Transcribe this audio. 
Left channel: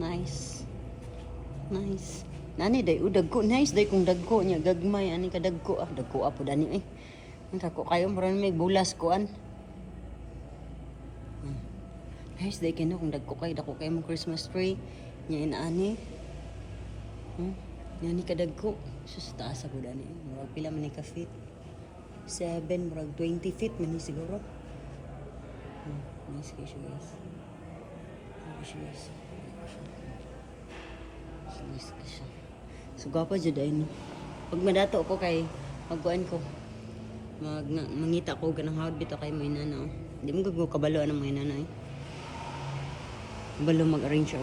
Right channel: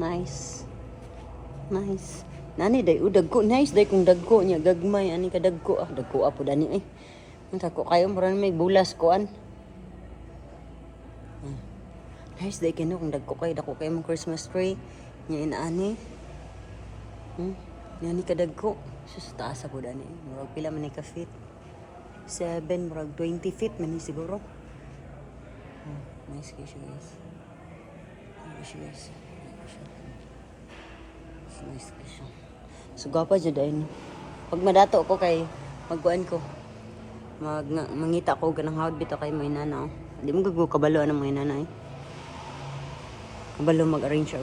Nice. Nice. Nani day dagko nice day kung dagko niya gagmay ani ka dagko dagko apo dani Ang ko kayo mura may bulas kuan. Nice day kino kung dagko kayo mong Christmas tree nya inaani. Nani ka dagko sus taas apo dani. Murag pila man ni ka feet? 7 murag 20 feet man ni siguro. Nice kayo guys. Nice guys. So gapa jud ay pag madato ko kay magkuan ko mangita ko ganang hawd bitaw kay mo inana di mo gud kabalo na mo inana kabalo mag arrange